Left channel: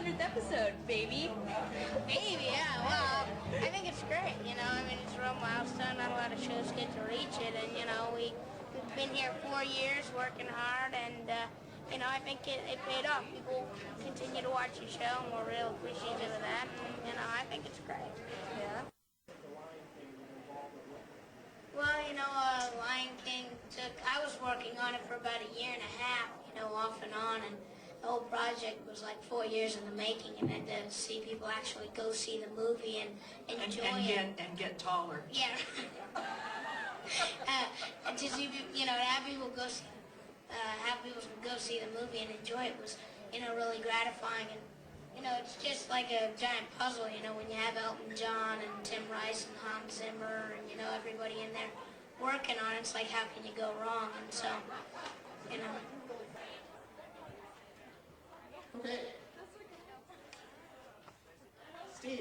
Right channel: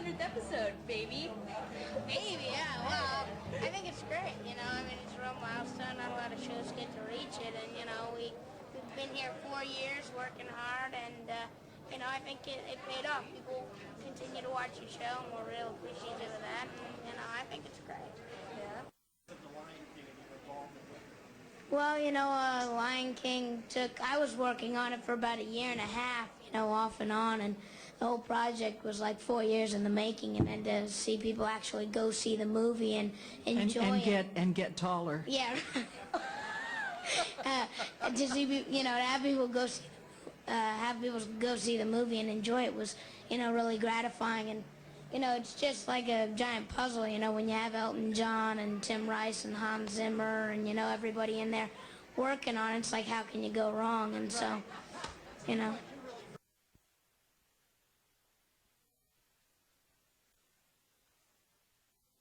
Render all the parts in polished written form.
100th episode, baby. Baby, yeah, well, I think it's great, you know. I mean, it's a real milestone. Not a lot of shows get to reach it, and, you know, we've been here 4 years working hard, and, you know, I think it paid off. People continue to watch your show, and we're real appreciative of that, and, you know, I think it's great. Yeah. Well, you know, Lion King I was working on it for about a year and a half, you know, off and on, and the whole project was like 4 years in the making, and then to see people actually go see the movie and enjoy it. And get taller. Yeah. And to see, you know, have people go see the movie and enjoy it was, you know, really gratifying. And, you know, it's just like a giant puzzle, you know, when you have Elton John and Tim Rice and Hans Zimmer and, you know, everybody in there working on it. It's like, how can you go wrong? And so, you know. Okay. Steve,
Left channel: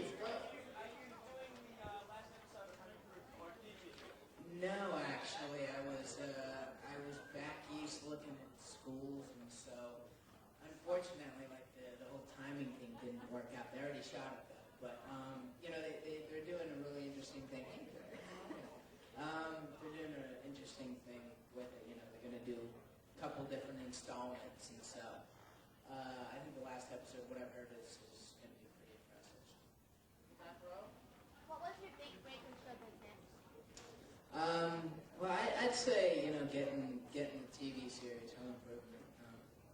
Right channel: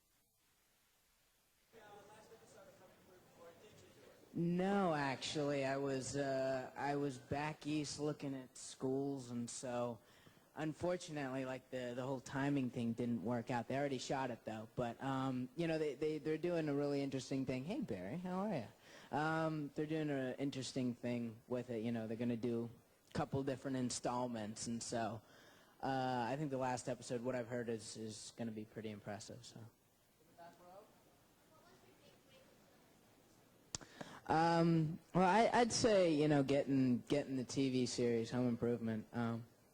No, actually, I was back east looking at schools, and so unfortunately, like the whole timing thing didn't work out. They already shot it though, but you know, they're doing a really interesting thing. Hey Barry, how are you? They're doing an interesting thing with it. You know, they're gonna do a couple different installments, and so I think the last episode, what I've heard, is gonna be pretty impressive. So. What was your big break in show business? Well, I'd say, you know, getting the TV series Home Improvement.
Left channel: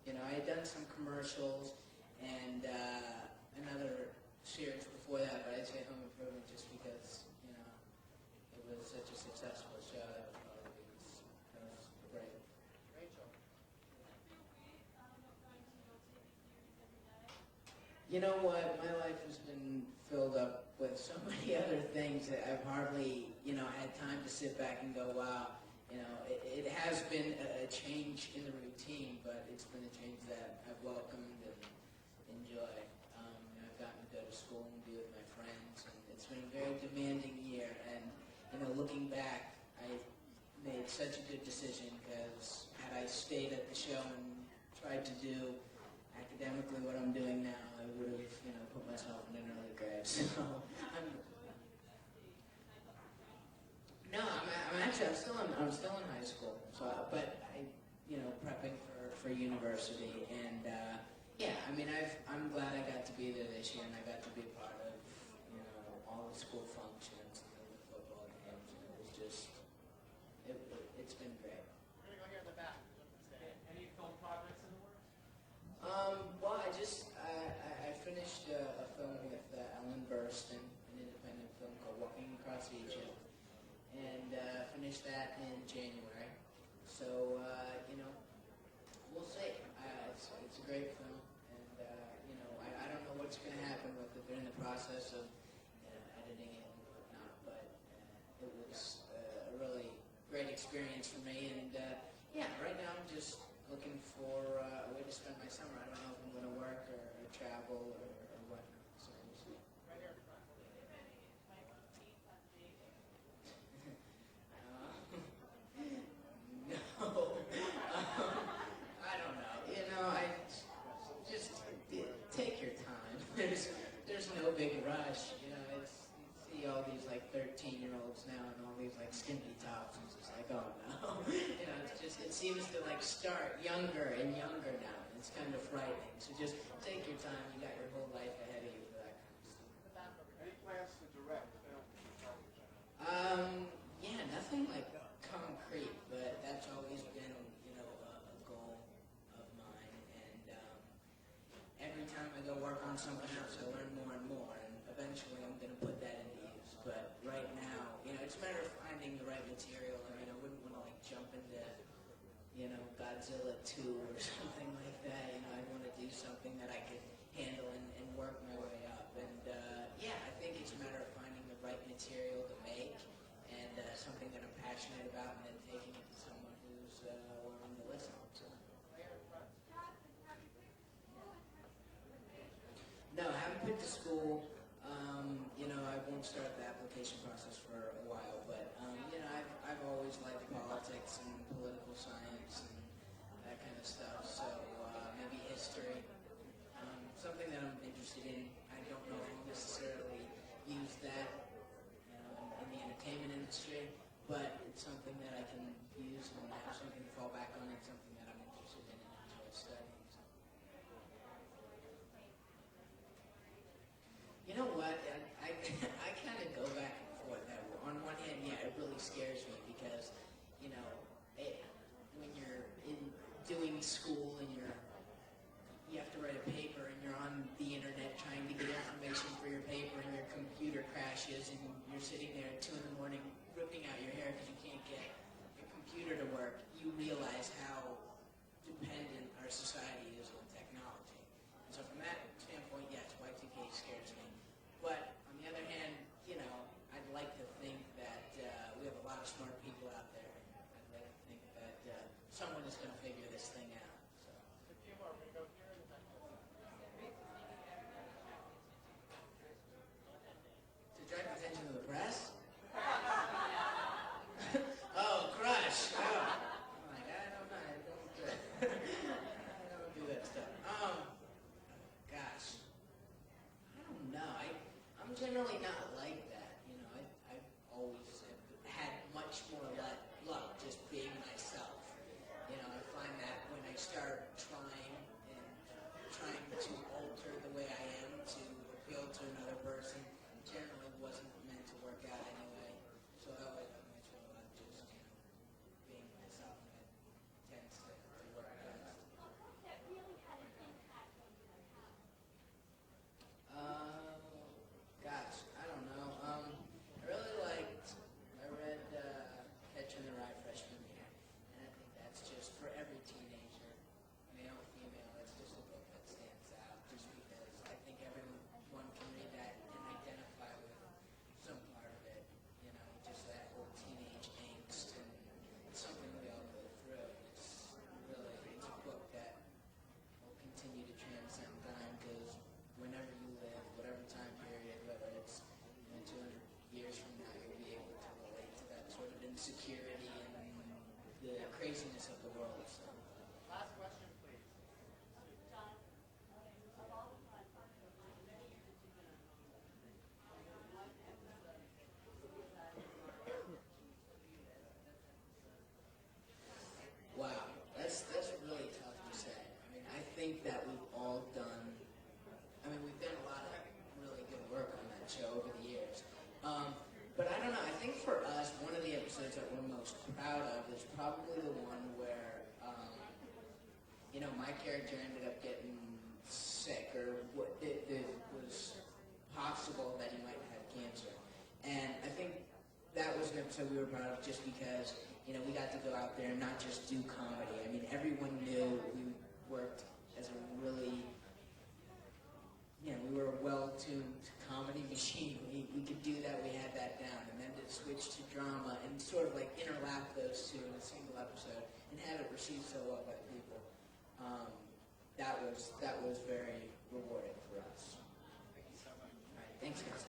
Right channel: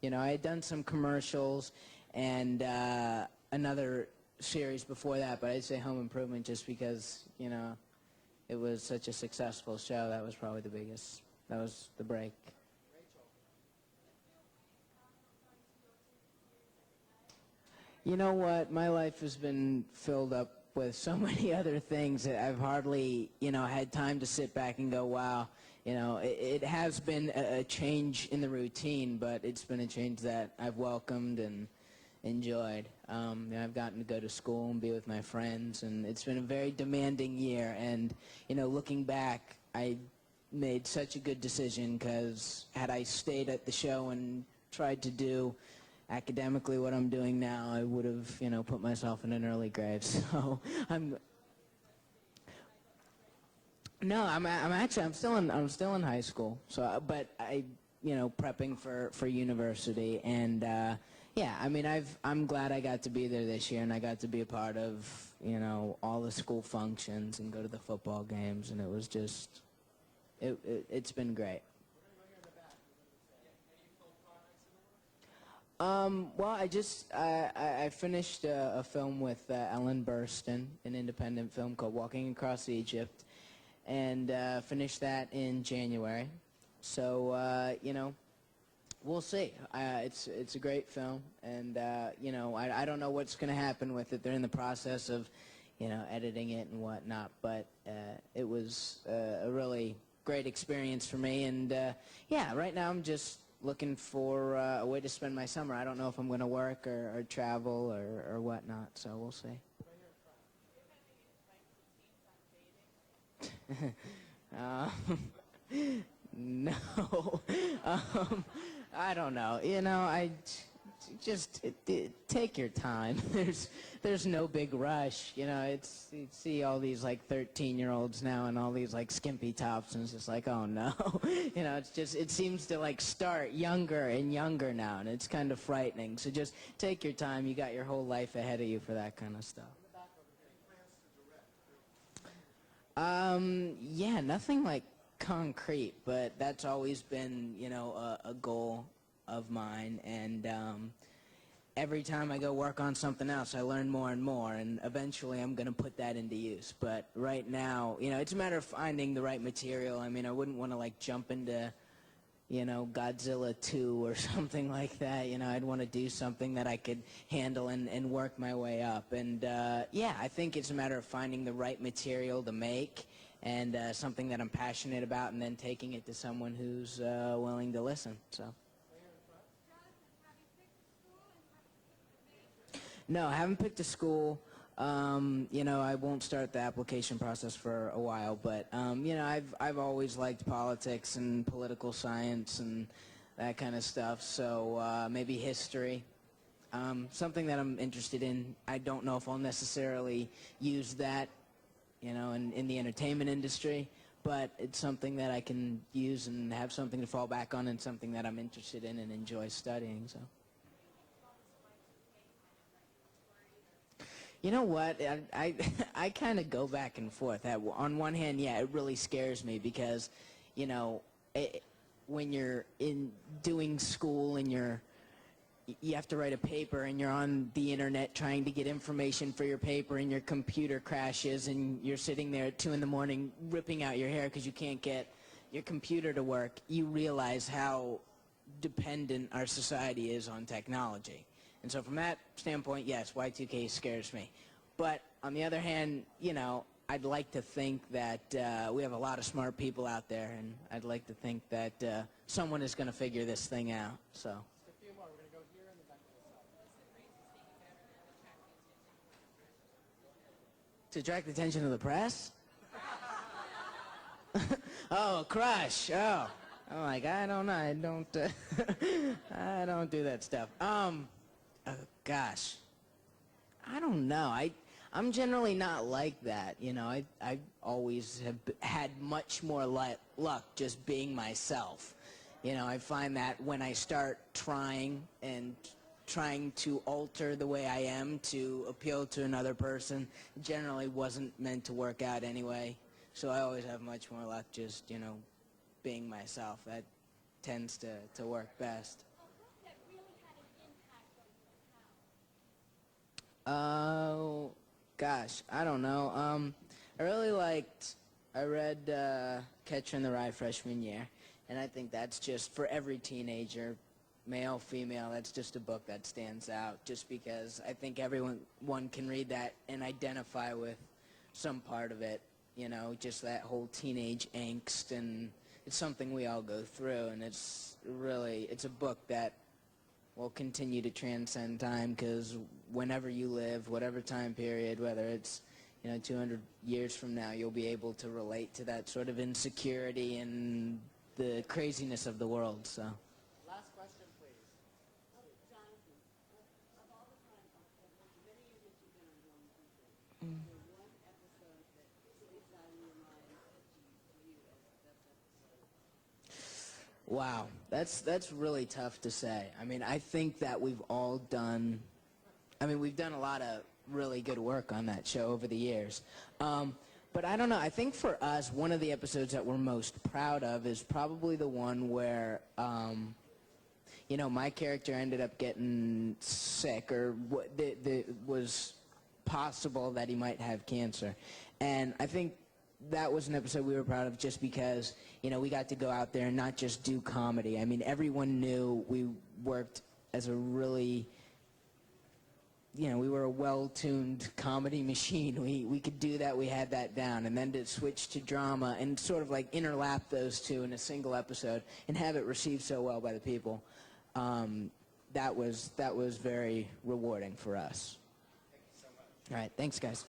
You know, I had done some commercials and another series before that, but I'd say Home Improvement just because, you know, it was such a successful show. That was probably the biggest. That was the break. You know what? My life has been filled up with so many other things that I've hardly, you know, had time to sit back and go, wow. You know, it has been a change in the routine, but it's been a change that I've welcomed and enjoyed. You know, I've gotten to go to school and be with my friends, and it's been a very demanding year. And, you know, looking back, I made such a good decision because had I stayed at the show and tried to do academically what I'm doing now, I would have, you know, put myself in an early grave. So I'm still in high school. So, but you know, prepping for university, and yeah, I mean, I'm glad I got to be there this year, and I got to be a part of, you know, all the school functions and go to the football games, and it was just, it's been great. Well, I finished a film with Ellen Burstyn, an independent film called Walking Across Egypt, and finished that in January. So, you know, we'll see. It's a great film, and, you know, I don't know what's going to happen with it. They're in the process of, you know, editing it and whatnot, but it was a really great experience for me, and, yeah, right now I'm just looking for a way to spend my summer. I don't know if I'm going to work or travel or whatnot, so we'll see. No. I don't know. You know, I just take your time. There's no big rush. You know, you see all these like 13-year-olds now and all these like skimpy tops, and it's just like, oh no. You know, it seems to like start younger and younger now, and it's kind of frightening. So just take your time. You got your whole life ahead of you for that kind of stuff. Yeah, nothing like concrete, but that's always been, you know, a goal of mine, and every time I go work on something else, I learn more and more, and eventually I'm going to put that into use. But right now, you know, it's a matter of finding the right material. I mean, I wouldn't want to, like, jump into, you know, Godzilla 2 or something like that. You know, I'd want to do something that I could handle and work my way up. And, yeah, I think it's a matter of finding the right material to make and something that I'm passionate about, and then taking it to someone who's willing to listen, so. No, I haven't picked a school. You know, I won't start the application process for a while, but you know, I've always liked politics and political science and that kind of stuff. So maybe history. something that I'm interested in. I don't know if I'll necessarily use that, in the entertainment industry, but it's something that I can use and have something to fall back on, and something that I'm interested in and enjoy studying. So, you know what? I kind of go back and forth. On one hand, yeah, it really scares me because, when you're in doing school and you have to write a paper and you're on the internet trying to get information for your paper and your computer crashes and you're sitting there at 2 in the morning ripping out your hair because you can't get your computer to work, you realize how dependent our society is on technology. And so from that standpoint, yes, Y2K scares me. But on the other hand, I'd like to think that we have a lot of smart people out there, and I'd like to think that someone is going to figure this thing out. So. To attract the attention of the press? Oh, crush. Oh. I'm like, I don't know. I don't do that stuff. Oh, gosh. I don't know. I'm generally not like that. I always have had much more luck just being myself. I find that when I start trying to alter the way I am to appeal to another person, it generally wasn't meant to work out anyway. So I always have much more luck just, being myself. That tends to work best. Oh, gosh, I don't know. I read Catcher in the Rye freshman year, and I think that's just for every teenager, male, female, that's just a book that stands out, just because I think everyone can read that and identify with some part of it, just that whole teenage angst, and it's something we all go through, and it's a book that will continue to transcend time, because whenever you live, whatever time period, whether it's 200 years from now, you'll be able to relate to that sort of insecurity and the craziness of the world. So. Last question, please. Wow, that's really tough to say. I think that we've done a lot of really good work on that show over the years. But I don't know, I think for us, one of the episodes that we're most proud of is probably the one where, my character ended up getting sick, or it was possible that he might have cancer. And I think that was an episode we were proud of just because, we got to go out there and not just do comedy. Everyone knew we worked as a really, we were a well-tuned comedy machine. We could do that, we had that down. And then to switch to drama and sort of like interlap those two in a single episode and have it received so well by the people, that was very rewarding for us. Thank you so much. All right, thanks, guys.